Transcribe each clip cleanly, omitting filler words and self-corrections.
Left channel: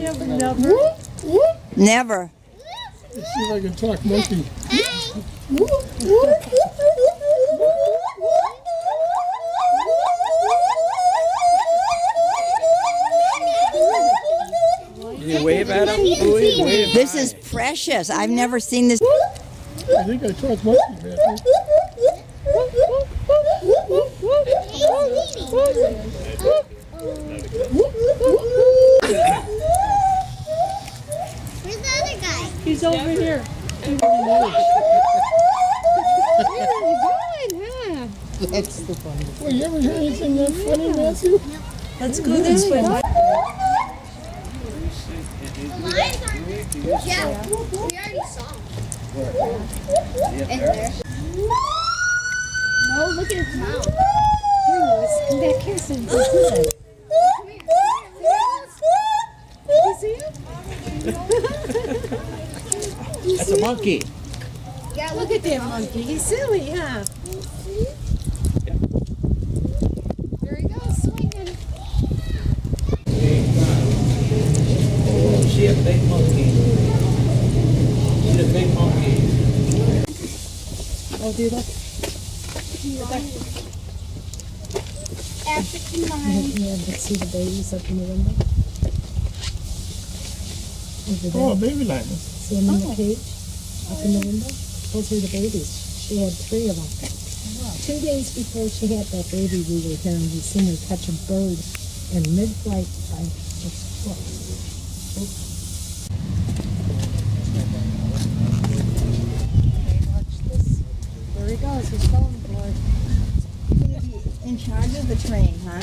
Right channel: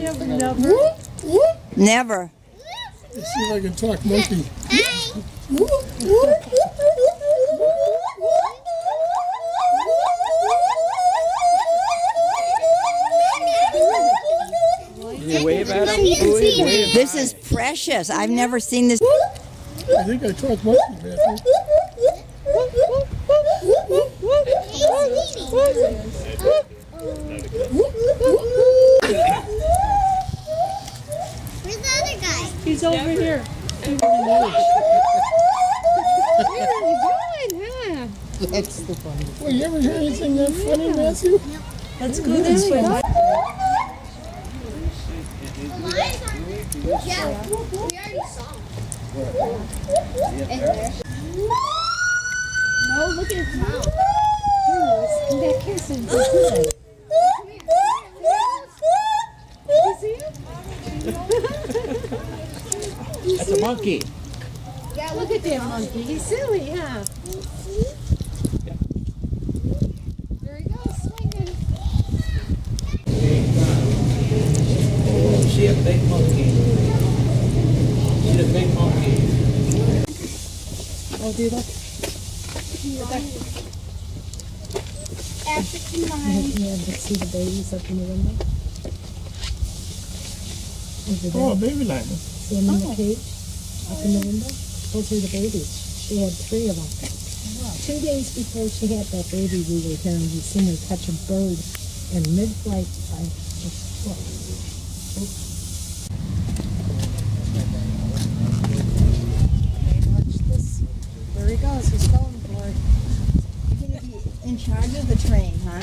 have never. Never. Let's see if I can talk monkey. Can you wave at him? Wave. This is precious. I've never seen this. I think I talk monkey, man. Where's the other guy? He's over here. That's the funny. Well, you ever hear anything that funny, Matthew? Let's go this way. Yeah, we already saw him. In there. No, look at his mouth. Here, Louis, come back here so you can see it. You see him? That's a monkey. Yeah, Look at that monkey. He's silly, huh? There he goes, swinging. Oh, see a big monkey. See the big monkey. Oh, dude, look. African lion. Yeah, but see the babies up in the window? Over there. Oh, baby lion. See them in the cage? Up in the window? Those are the babies. She had 3 of them. 2 days before she had that baby, we were here and we seen her catch a bird in mid-flight by its foot. Watch this. There he goes. He's going for it. You're going to be in charge of the train, huh?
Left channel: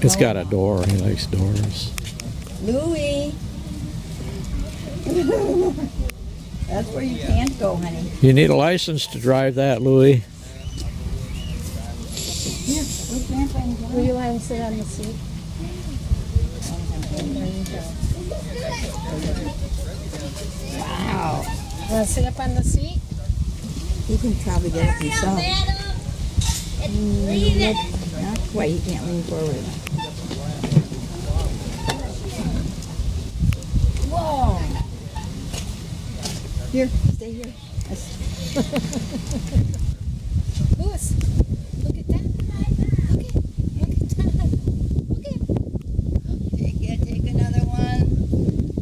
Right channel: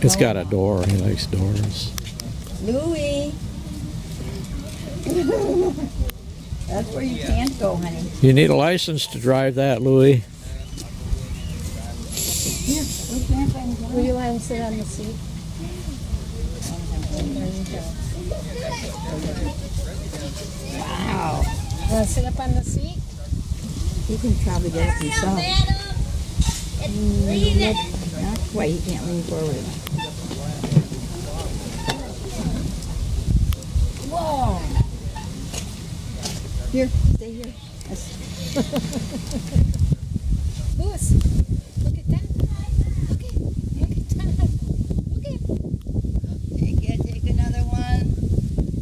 It's got a door. He likes doors. Louie. That's where you can't go, honey. You need a license to drive that, Louis. Here, where's Grandpa and Grandma? Will you let him sit on the seat? There you go. Wow. Want to sit up on the seat? He can probably get up himself. Not quite. He can't lean forward. Whoa. Here, stay here. Louis, look at that. Look at that. Look at Take it. Take another one.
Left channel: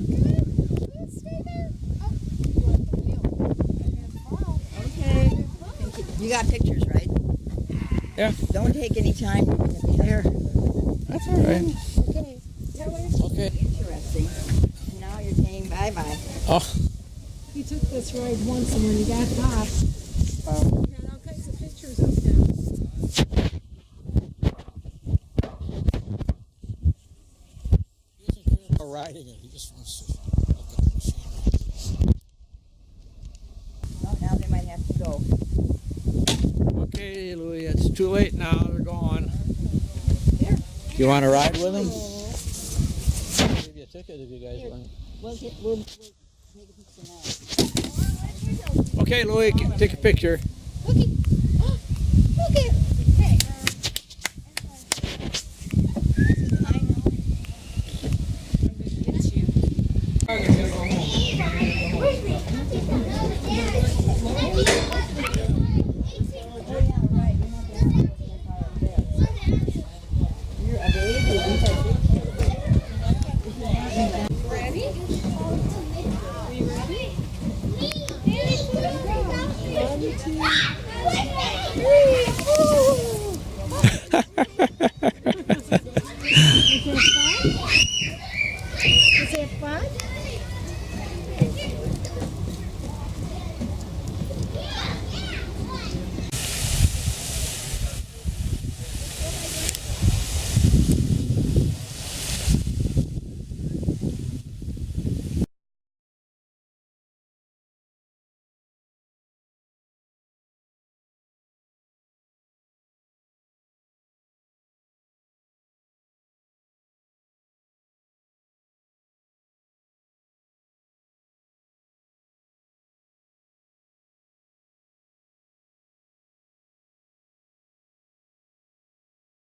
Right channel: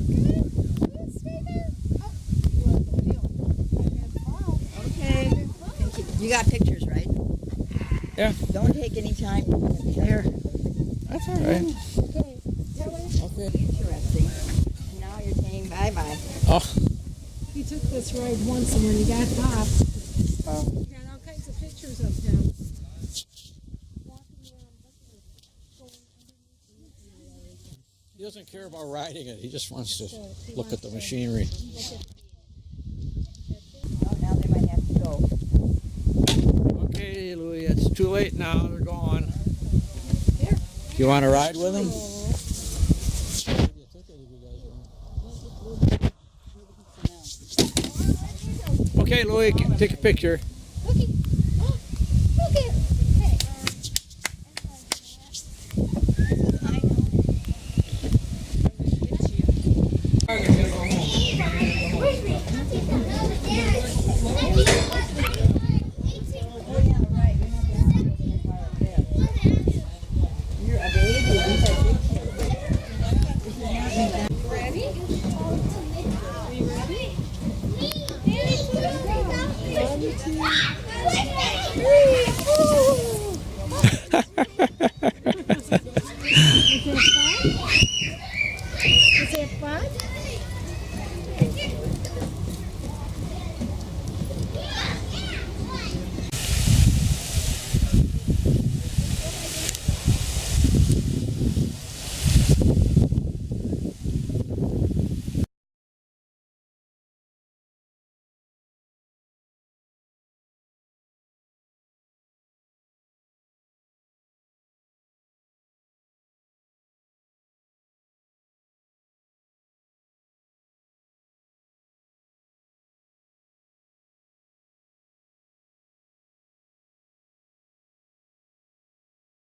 Louis, stay there. Oh, you want the wheel. Okay. You got pictures, right? Yeah. Don't take any time. There. That's all right. Okay. Tell her. Okay. Interesting. And now you're saying bye-bye. Oh, He took this ride once, and when he got off, he had all kinds of pictures of him. he doesn't care about riding it. He just wants to look at the machinery. Oh, now they might have to go. Okay, Louis, it's too late now. They're gone. Do you want to ride with them? I'll give you a ticket if you guys want. Okay, Louis, take a picture. Look at